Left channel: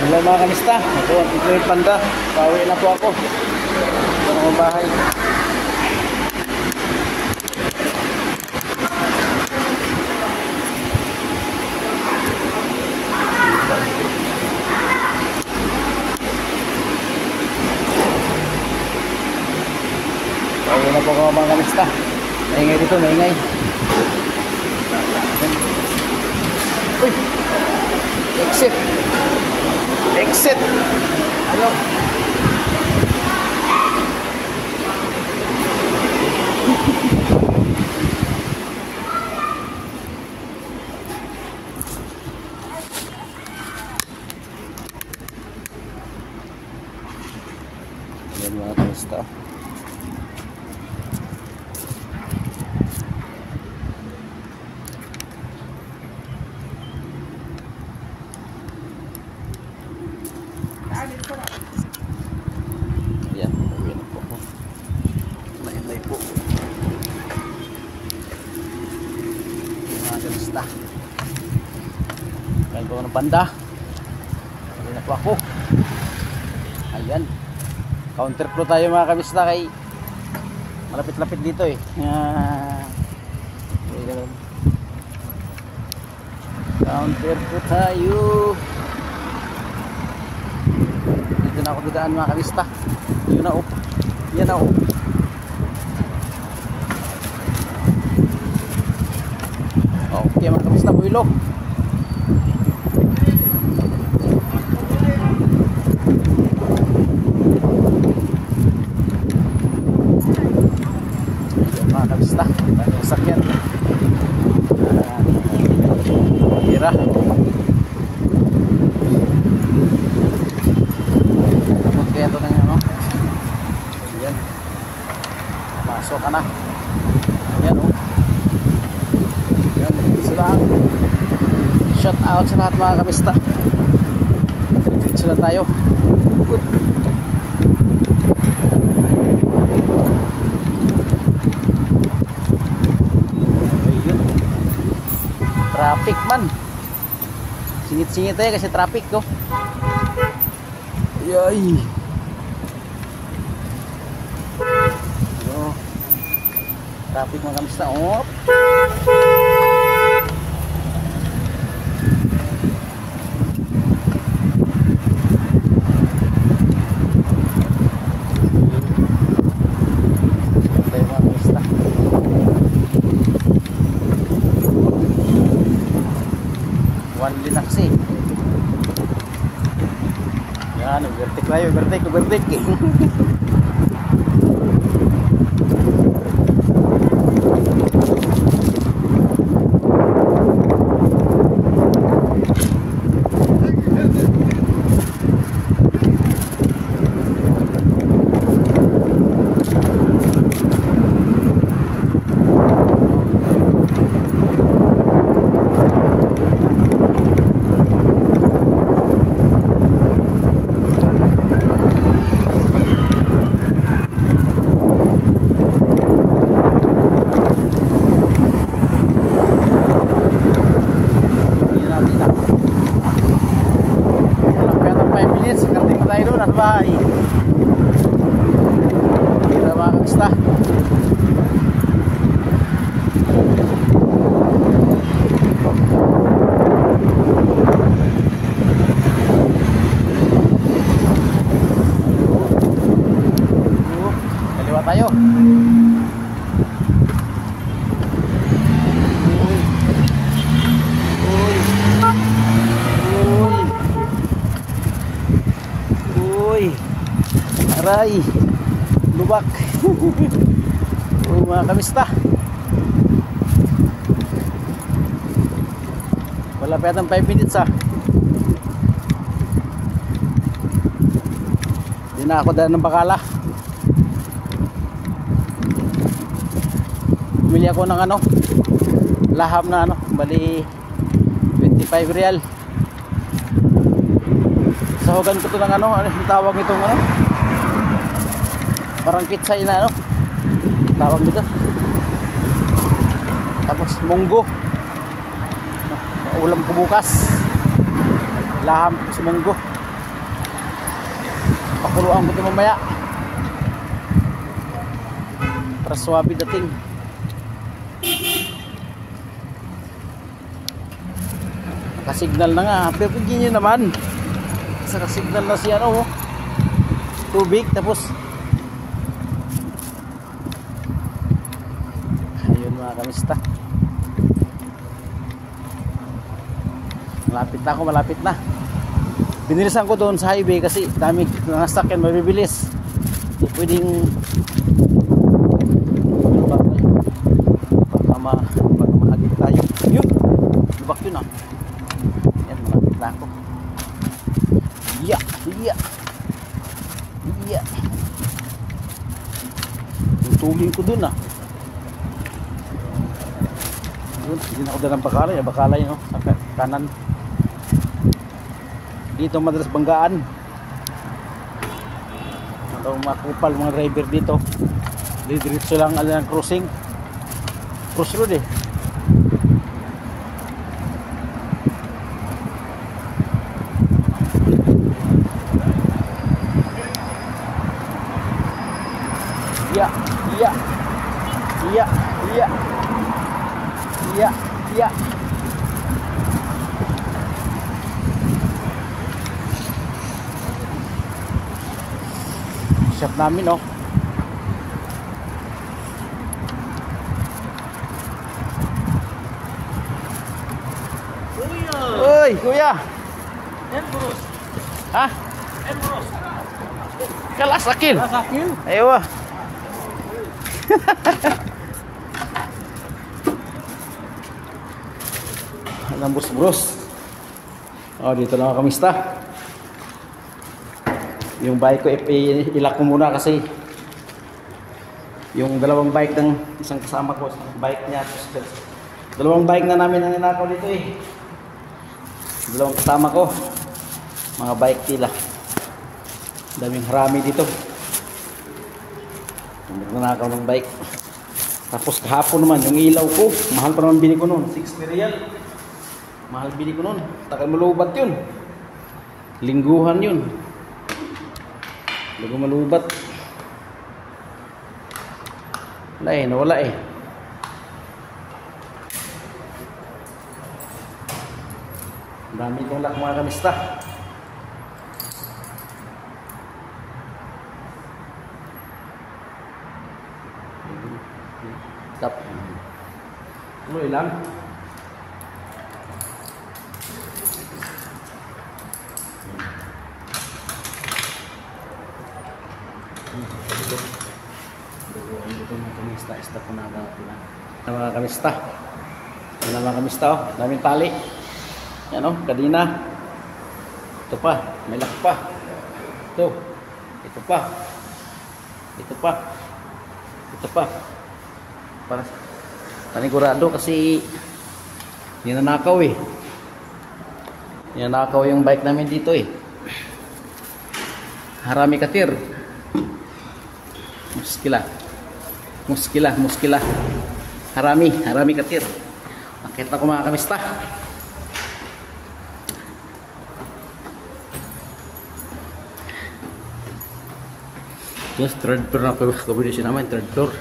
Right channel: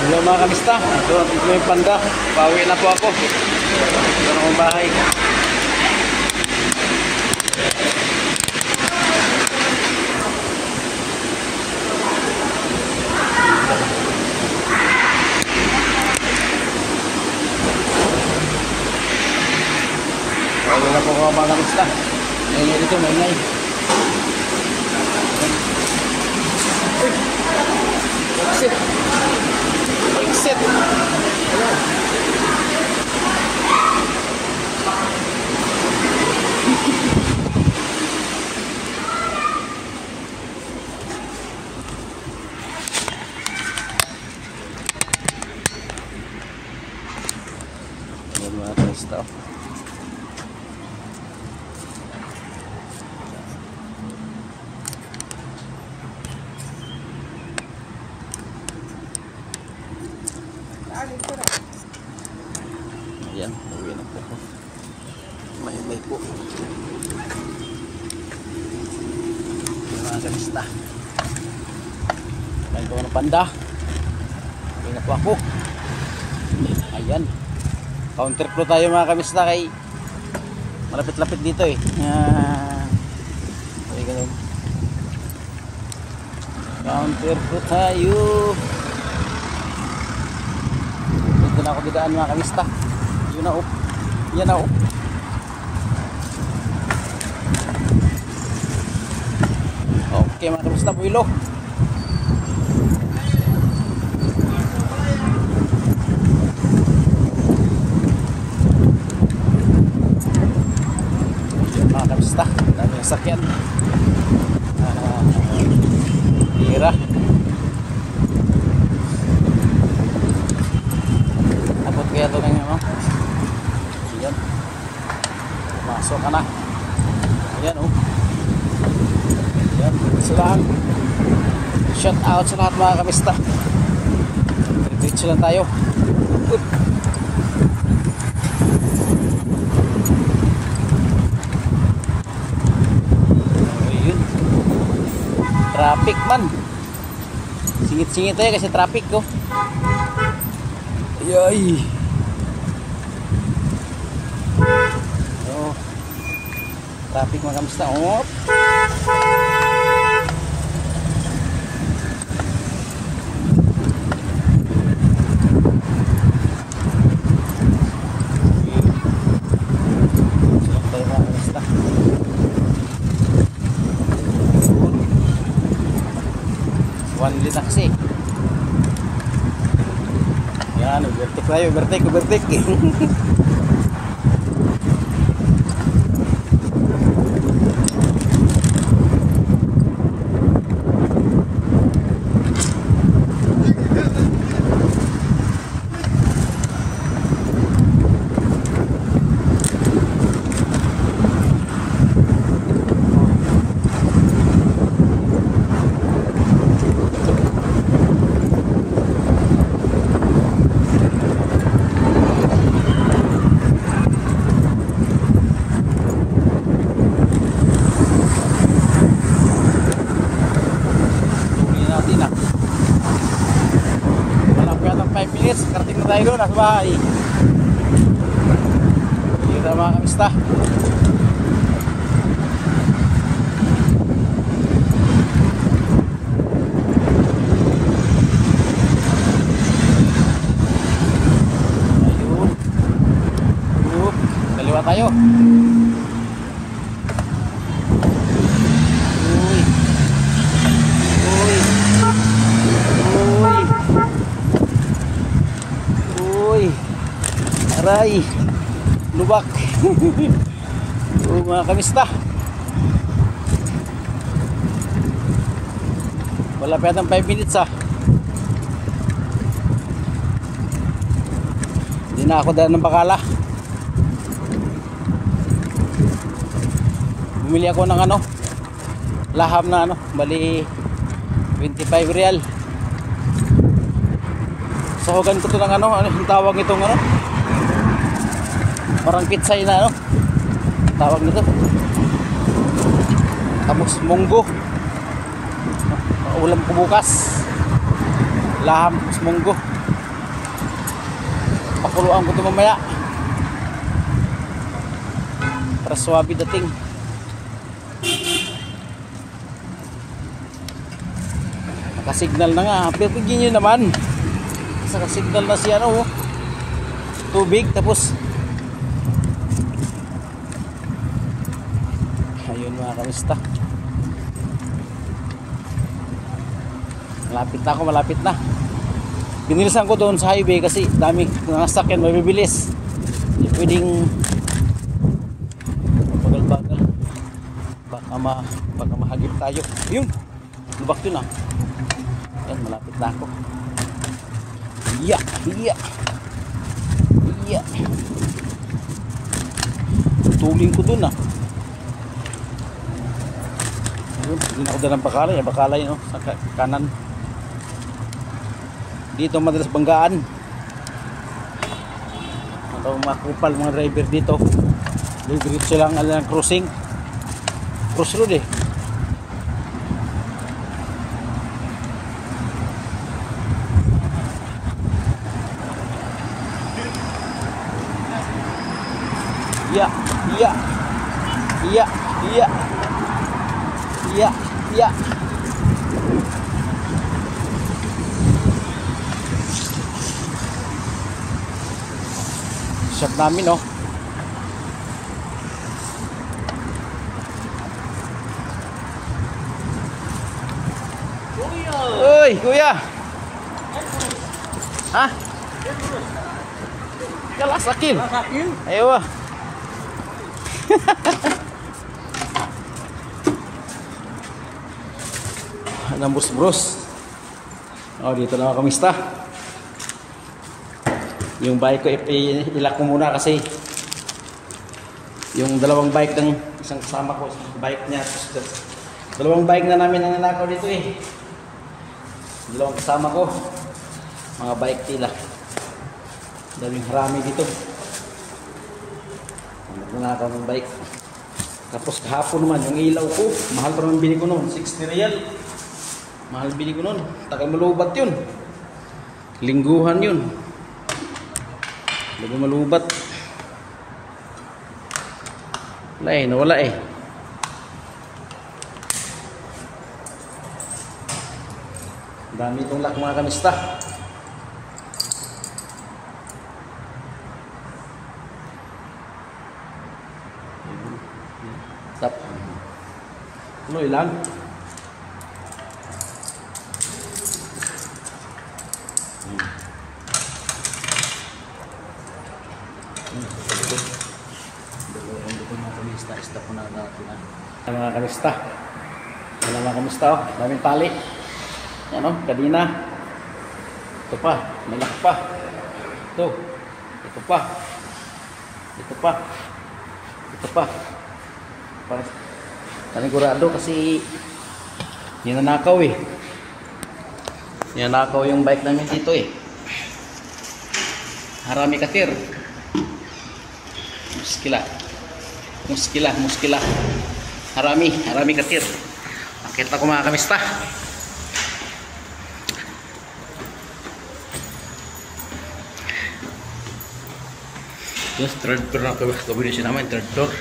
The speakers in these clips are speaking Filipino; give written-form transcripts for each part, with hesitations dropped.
Hello mga kamista, ito yung Panda. Pauwi na po ako. Ito na akong bahay. Pauwi na po ako mga kamista. Maingay dito, maingay. Uy! Exit! Exit! Ayan. Ayan mga kamista. Ayan, uwi na po ako. May po. Ayan mga kamista. Kain ko ng Panda. Uwi na po ako. Ayan. Counter crew tayo mga kamista kay malapit-lapit dito eh. Okay, ganun. Counter crew tayo. Dito na ako didaan mga kamista. Yun na oh. Yan na oh. Okay mga kamista, buwilo. Yan mga kamista, dami ang sakyan. Hira. Tapos kaya ito ng ano. Ayan. Pumasok ka na. Ayan oh. Ayan. Ito lang. Shout out sa lahat mga kamista. Diretso lang tayo. Oop. Ayun. Traffic man. Singit-singit tayo kasi traffic oh. Ayay. Oh. Traffic mga kamista. Oh. Tayo mga kamista. One lane na kasi. Yan, overtake tayo, overtake. Walang kaya ng 5 minutes karating na tayo doon nasa bahay. Kita mga kamista. Ayun. Kaliwa tayo. Aray, lubak. Oh, mga kamista. Wala pa yatang 5 minutes ah. Hindi na ako dala ng bakala. Bumili ako ng ano, laham na ano, bali 25 real. Sahugan ko to ng ano, ang tawag nitong ano, parang pitsay na ano tawag nito. Tapos munggo, ulam ko bukas. Laham ko sa munggo. Pakuluan ko ito mamaya para swabe dating. Nakasignal na nga. Pipigin nyo naman. Nakasignal na si ano, tubig. Tapos ayun mga kamista. Malapit na ako, malapit na. Binilisan ko doon sa highway kasi dami ng sakyan, mabibilis. Hindi pwedeng bagal-bagal. Baka mahagip tayo. Yun! Lubak yun ah. Yan, malapit na ako. Iya! Iya! Iya! Tutulin ko doon ah. Yun, hindi na ako dalang bakalay. Bakalay no, sa kanan. Dito madalas banggaan. Ano makupal mga driver dito. Diretso lang ang crossing. Crossroad eh. Iya, iya. Iya, iya. Iya, iya. Shop namin oh. Uy, kuya. Ha? Kalas akil. Ayo. Nambus bros. Oh, dito na ako kamista. Yung bike ko ilak ko muna kasi yung dalawang bike ng isang kasama ko, bike niya, dalawang bike na namin ang nanakaw dito eh. Dalawang kasama ko, mga bike tila. Daming harami dito. Nanakaw ng bike. Tapos kahapon naman yung ilaw ko, mahal pa naman bili ko noon, 60 real. Mahal bili ko noon, takal malubat yun. Lingguhan yun. Bago malubat. Wala eh, nawala eh. Dami kong lak mga kamista. Stop. Tuloy lang. Stop po na natin ha. Mga kamista. Yan mga kamista oh. Daming tali. Yan oh, kadina. Ito pa, may lock pa. Ito. Ito pa. Ito pa. Ito pa. Para panigurado kasi ninanakaw eh. Ninanakaw yung bike namin dito eh. Harami katir. Muskila. Harami katir. Nakita ko mga kamista. Just third floor na combination naman, third floor.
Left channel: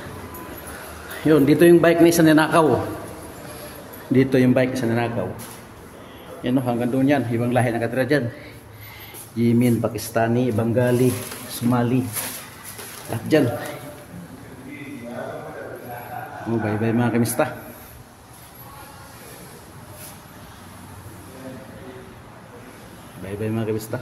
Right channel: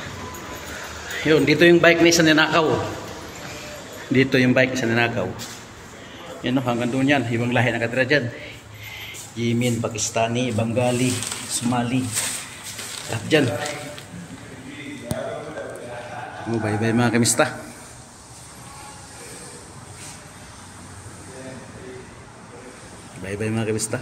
Yun, dito yung bike ni isa ninakaw. Dito yung bike isa ninakaw. Yan o, hanggang doon yan. Ibang lahi nakatira dyan. Yemen, Pakistani, Bengali, Somali. Lahat dyan. Oh, bye-bye mga kamista. Bye-bye mga kamista.